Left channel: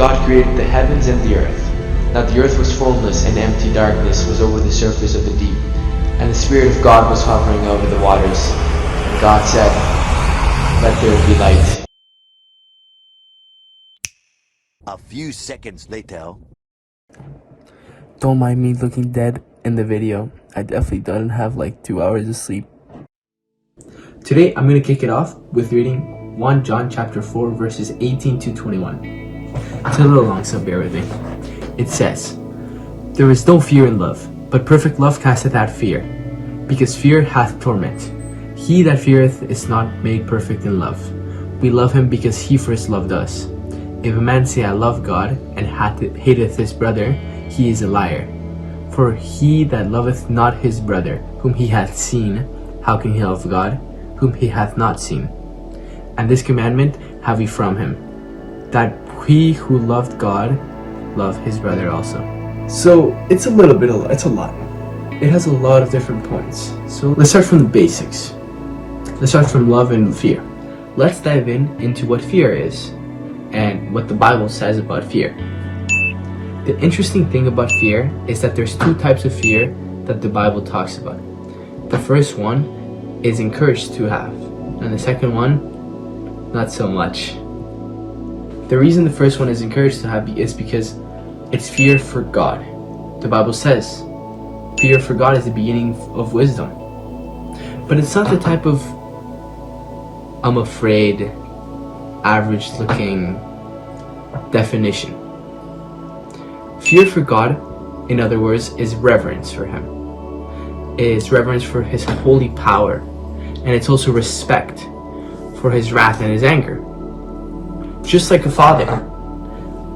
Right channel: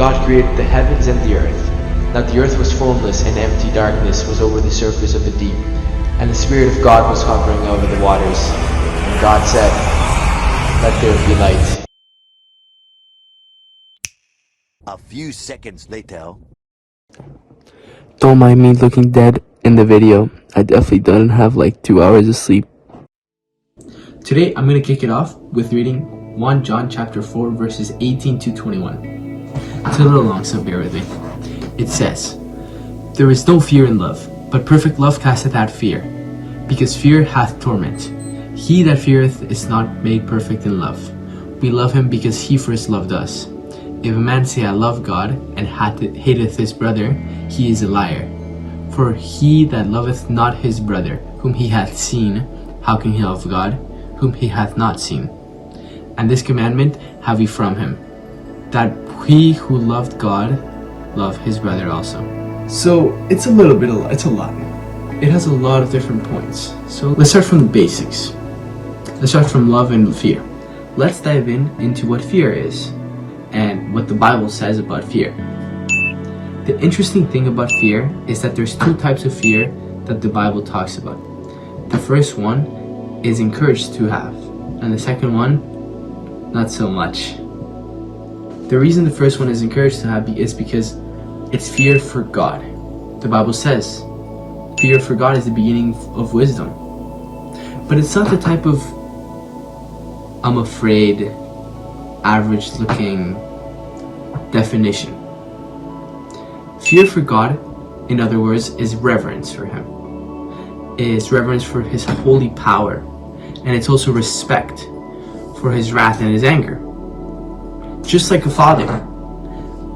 God created the heavens and the earth. Now the earth was formless, and empty darkness was over the surface of the deep, and the Spirit of God was hovering over the waters. And God said, "Let there be light." A few seconds later. Don't mind me looking dead in the video. I definitely didn't have like 2 hours of sleep. Today I'm going to kick it off with reading 1 John chapter 4 verses 18 to 21. It's a little long, so bear with me. It says, "There is no fear in love, but perfect love casteth out fear, because fear hath torment. He that feareth is not made perfect in love. We love him because he first loved us. If a man say, I love God, and hateth his brother, he is a liar. For he that loveth not his brother, whom he hath seen, how can he love God, whom he hath not seen? And this commandment have we from him, that he who loved God, love his brother also." So it's a lot. It has a lot of different points. So let's start from the basics. Let's start from love and fear. Let's dive into what fear is and what the Bible says about fear. The interesting thing about fear is that there's 2 types of fear that the Bible talks about. The first one is encouraged to have, and the second one, not so much. The reason the first one is encouraged to have is because it's fear for God. The Bible says, fear for God is the beginning of wisdom. But it's not the type of I'm afraid, average looking definition. Fear for God, in other words, is reverence for him. It is reverence for his holy power, and it's also respect for his wrath and his anger. Just like a father,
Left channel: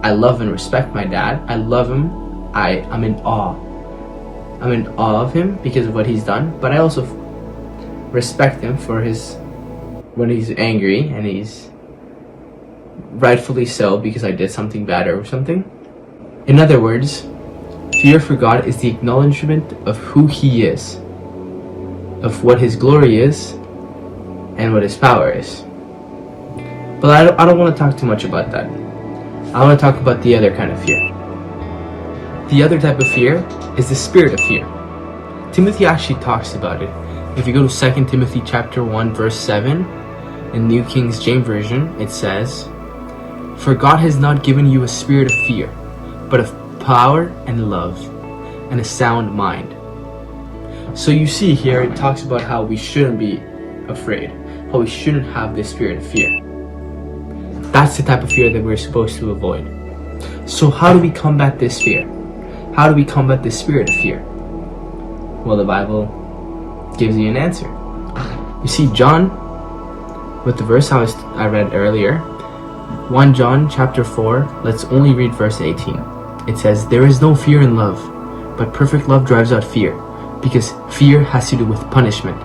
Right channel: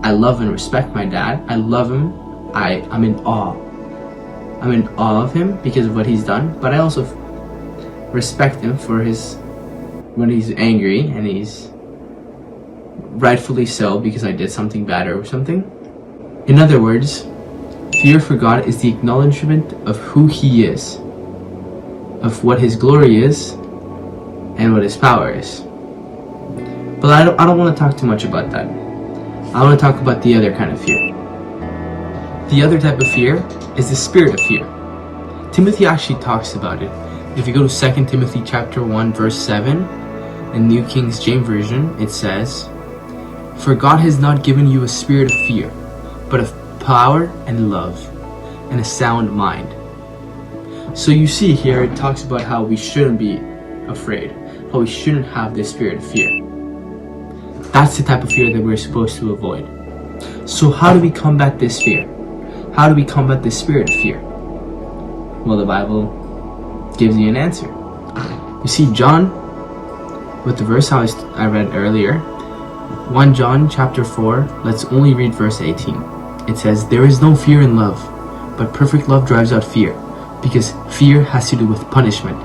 I love and respect my dad. I love him. I'm in awe. I'm in awe of him because of what he's done, but I also respect him for when he's angry, and he's rightfully so because I did something bad or something. In other words, fear for God is the acknowledgement of who he is, of what his glory is, and what his power is. But I don't want to talk too much about that. I want to talk about the other kind of fear. The other type of fear is the spirit of fear. Timothy actually talks about it. If you go to 2 Timothy chapter 1 verse 7, in New King James Version, it says, "For God has not given you a spirit of fear, but of power and love and a sound mind." So you see here, it talks about how we shouldn't be afraid, how we shouldn't have this spirit of fear. That's the type of fear that we're supposed to avoid. So how do we combat this fear? How do we combat this spirit of fear? Well, the Bible gives you an answer. You see, John, with the verse I read earlier, 1 John chapter 4, let's only read verse 18. It says, "There is no fear in love, but perfect love drives out fear, because fear has to do with punishment.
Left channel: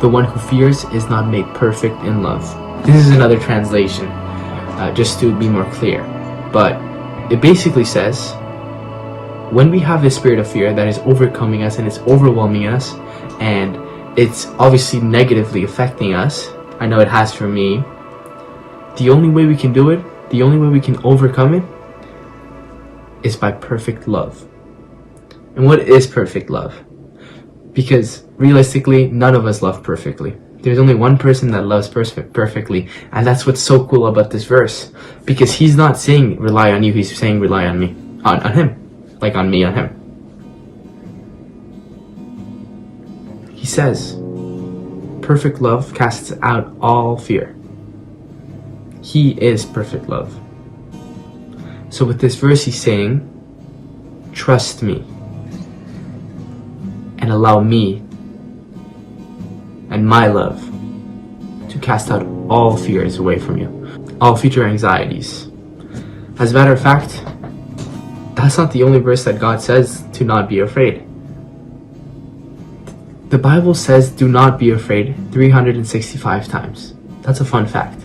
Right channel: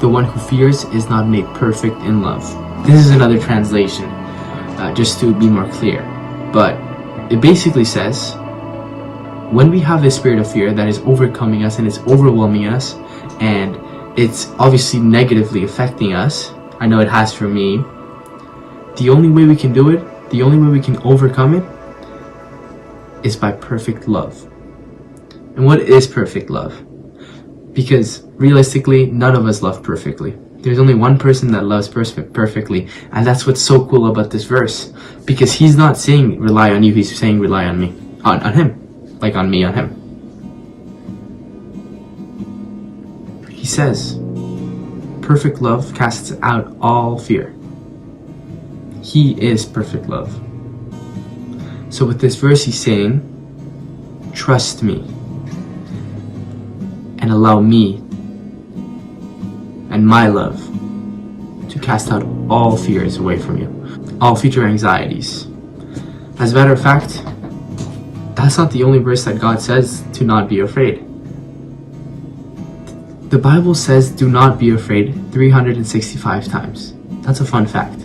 The one who fears is not made perfect in love." This is another translation, just to be more clear. But it basically says, when we have this spirit of fear that is overcoming us and it's overwhelming us, and it's obviously negatively affecting us, I know it has for me, the only way we can do it, the only way we can overcome it, is by perfect love. And what is perfect love? Because realistically, none of us love perfectly. There's only one person that loves perfectly, and that's what's so cool about this verse, because he's not saying rely on you, he's saying rely on me, on him, like on me, on him. He says, perfect love casts out all fear. He is perfect love. So with this verse, he's saying, trust me and allow me and my love to cast out all fears away from you, all future anxieties. As a matter of fact, that's not the only verse that God says to not be afraid. The Bible says do not be afraid 365 times. That's a fun fact.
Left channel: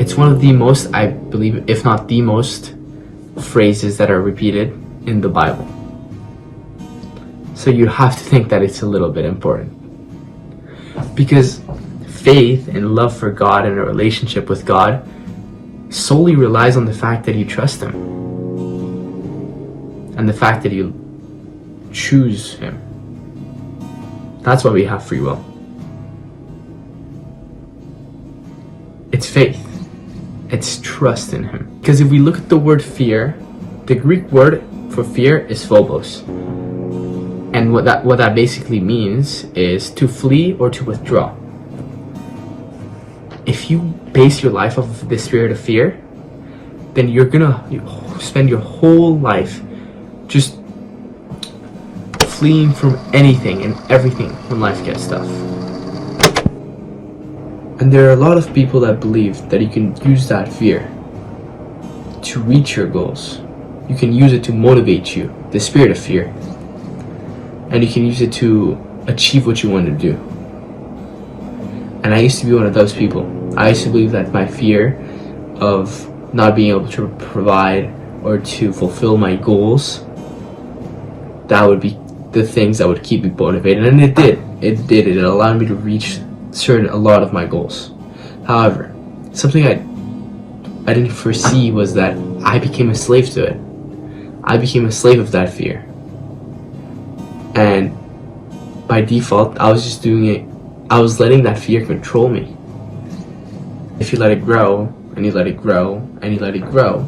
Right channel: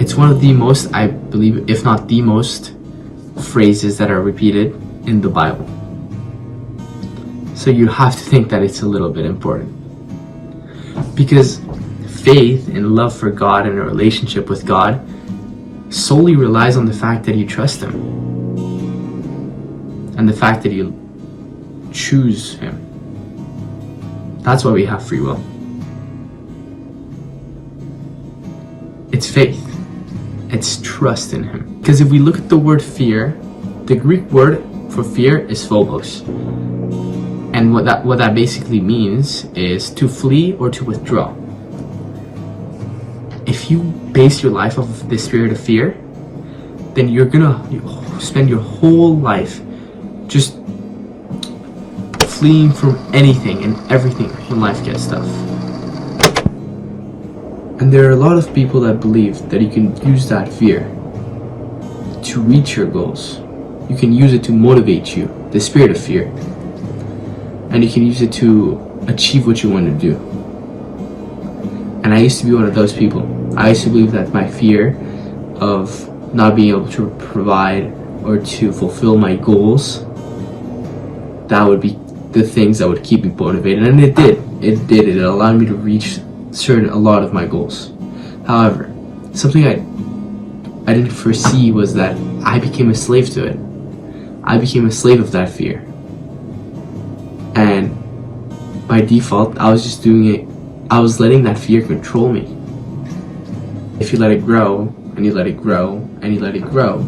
It's one of the most, I believe, if not the most, phrases that are repeated in the Bible. So you have to think that it's a little bit important. Because faith and love for God and a relationship with God solely relies on the fact that you trust him and the fact that you choose him. That's why we have free will. It's faith. It's trust in him. Because if we look at the word fear, the Greek word for fear is phobos. And what that basically means is to flee or to withdraw. If you base your life off of the spirit of fear, then you're gonna spend your whole life just fleeing from anything and everything when life gets tough. And there are a lot of people that believe that you can use that fear to reach your goals. You can use it to motivate you, the spirit of fear. And you can use it to achieve what you want to do. And I used to be one of those people. I used to believe that my fear of not being able to provide or to fulfill my goals, that would be the things that would keep me motivated. And it did. It allowed me to reach a lot of my goals. However, something I didn't foresee was that I became a slave to it. I became a slave of that fear. And by default, I was just doing it. I was letting that fear control me. If you let it grow, and you let it grow, and you let it grow,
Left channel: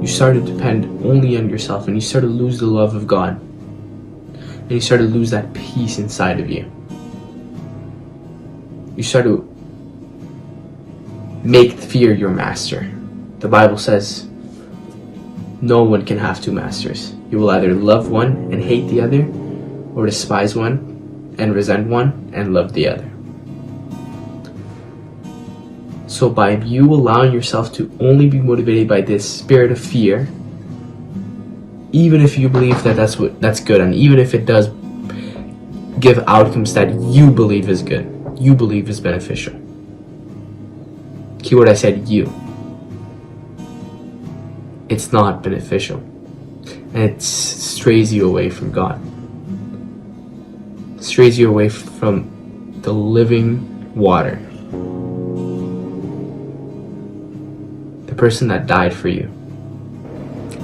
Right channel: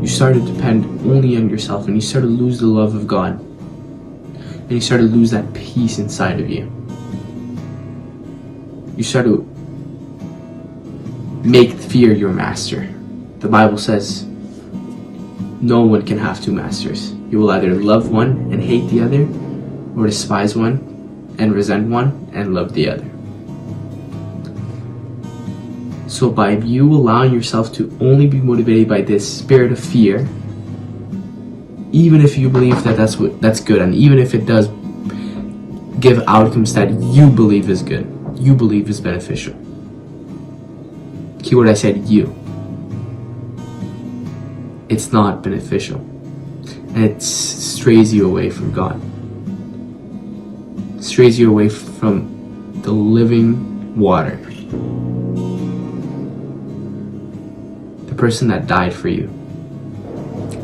you start to depend only on yourself, and you start to lose the love of God. And you start to lose that peace inside of you. You start to make fear your master. The Bible says, no one can have two masters. You will either love one and hate the other, or despise one and resent one and love the other. So by you allowing yourself to only be motivated by this spirit of fear, even if you believe that that's good, and even if it does give outcomes that you believe is good, you believe is beneficial. Keyword I said you. It's not beneficial. And it strays you away from God. It strays you away from the living water. The person that died for you.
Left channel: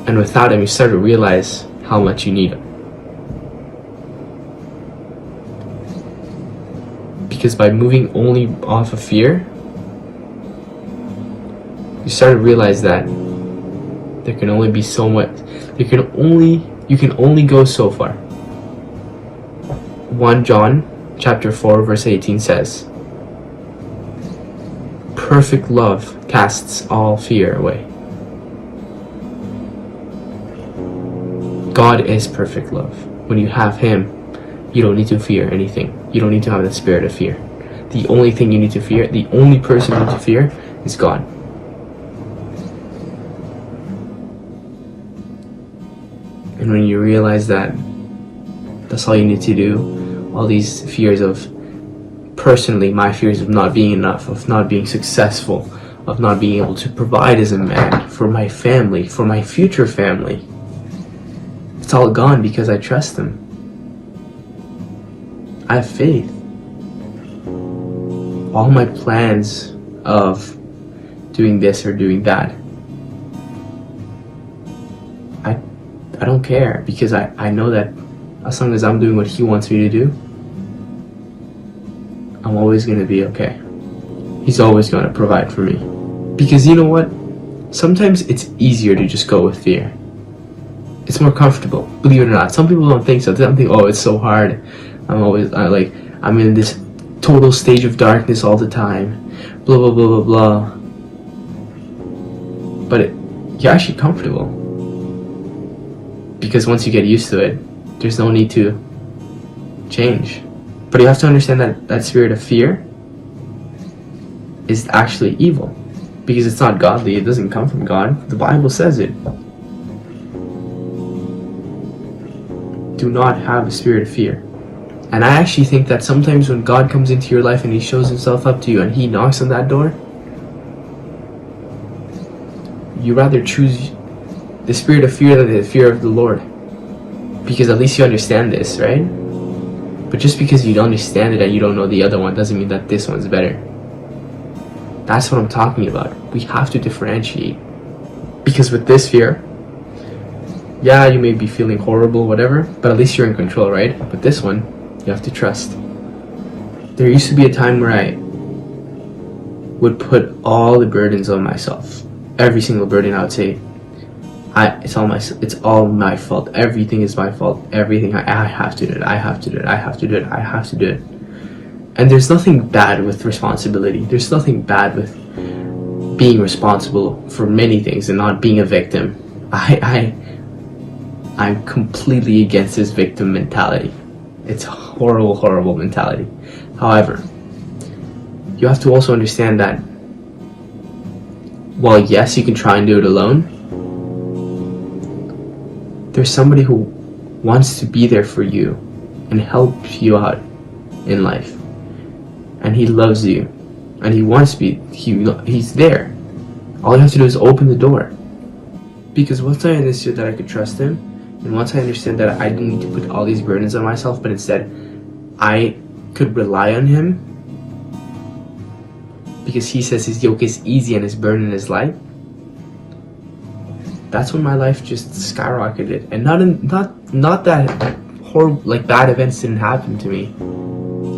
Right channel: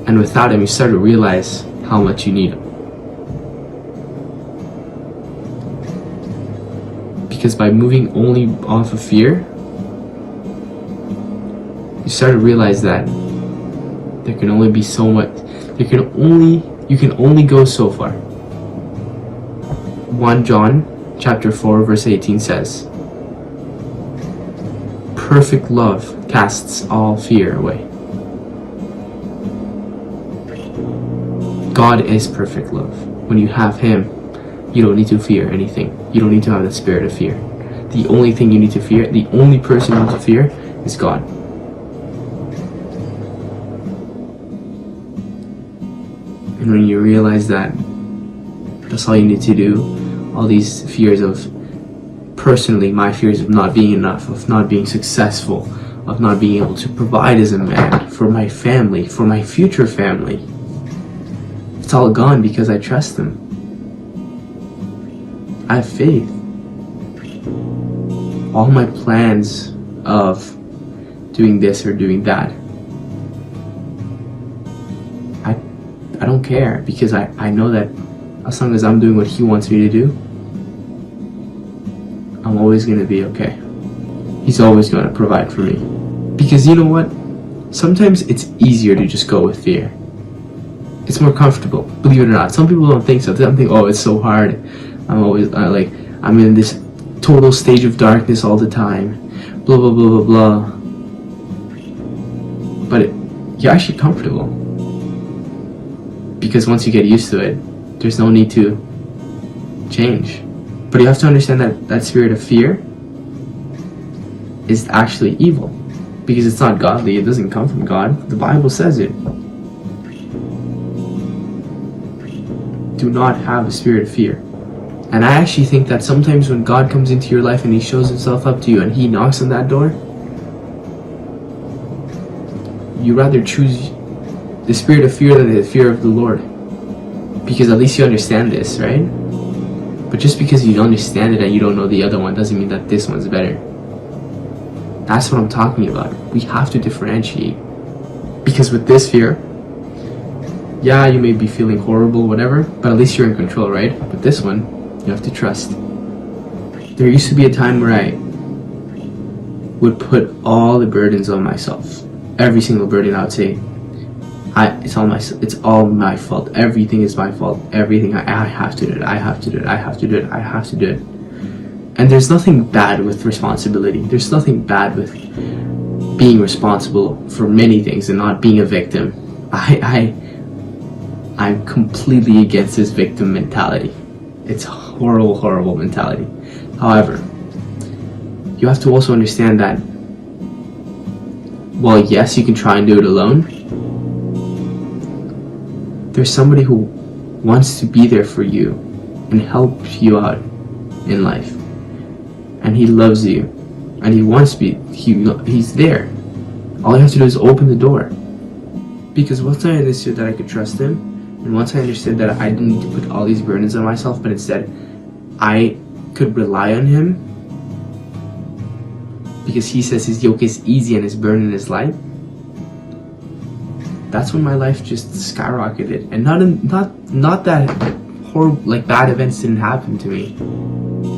And without him, you start to realize how much you need him. Because by moving only off of fear, you start to realize that there can only be so much. You can only go so far. 1 John chapter 4 verse 18 says, perfect love casts all fear away. God is perfect love. When you have him, you don't need to fear anything. You don't need to have the spirit of fear. The only thing you need to fear, the only person you need to fear is God. And when you realize that that's all you need to do, all these fears of, personally, my fears of not being enough, of not being successful, of not being able to provide as a man for my family, for my future family, it's all gone because I trust him. I have faith. All my plans of doing this or doing that, I don't care, because I know that as long as I'm doing what he wants me to do, I'm always going to be okay. He's always going to provide for me. Because you know what? Sometimes it's easier to just go with fear. It's more comfortable, believe it or not. Some people don't think so. They don't think, oh, it's so hard. I'm in this total stage of darkness all the time. Blah, blah, blah, blah, blah. But you're actually comfortable. Because once you get used to it, there's no need to change. But you have to understand that that spirit of fear is actually evil. Because it's not godly. It doesn't come from God. The Bible says it. Do not have a spirit of fear. And I actually think that sometimes when God comes into your life and he shows himself up to you and he knocks on that door, you rather choose the spirit of fear than the fear of the Lord. Because at least you understand this, right? But just because you don't understand it and you don't know the other one doesn't mean that this one's better. That's what I'm talking about. We have to differentiate. Because with this fear, yeah, you may be feeling horrible, whatever, but at least you're in control, right? But this one, you have to trust. There used to be a time where I would put all the burdens on myself. Every single burden, I would say, it's all my fault. Everything is my fault. Everything, I have to do it. I have to do it. I have to do it. I have to do it. And there's nothing bad with responsibility. There's nothing bad with being responsible for many things and not being a victim. I'm completely against this victim mentality. It's a horrible, horrible mentality. However, you have to also understand that while yes, you can try and do it alone, there's somebody who wants to be there for you and help you out in life. And he loves you. And he wants to be, he's there. All you have to do is open the door. Because once I understood that I could trust him, and once I understood that I didn't need to put all these burdens on myself, but instead I could rely on him, because he says his yoke is easy and his burden is light, that's when my life just skyrocketed. And not that horrible, like bad events didn't happen to me.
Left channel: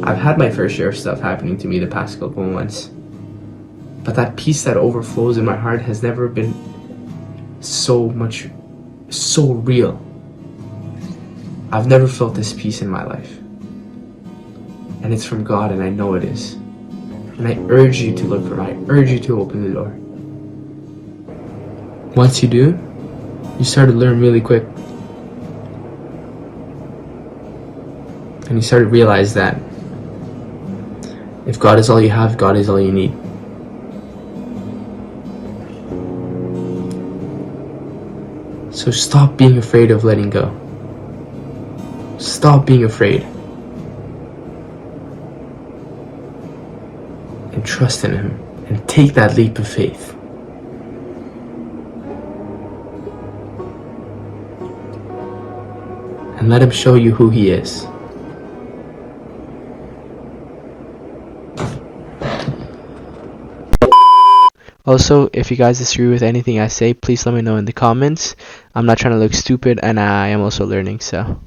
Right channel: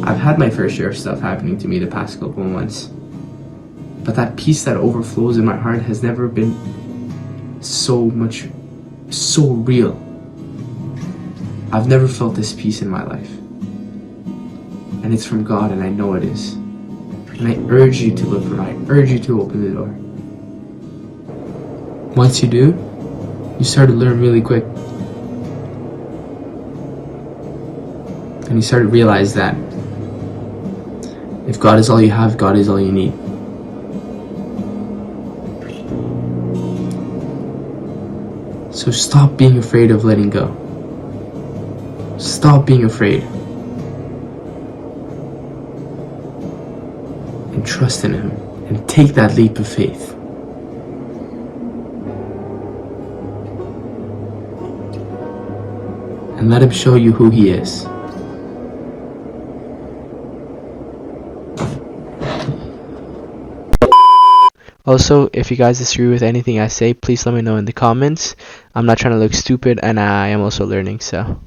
I've had my fair share of stuff happening to me the past couple of months. But that peace that overflows in my heart has never been so real. I've never felt this peace in my life. And it's from God, and I know it is. And I urge you to look for it. I urge you to open the door. Once you do, you start to learn really quick. And you start to realize that if God is all you have, God is all you need. So stop being afraid of letting go. Stop being afraid. And trust in him. And take that leap of faith. And let him show you who he is. Also, if you guys disagree with anything I say, please let me know in the comments. I'm not trying to look stupid, and I am also learning, so...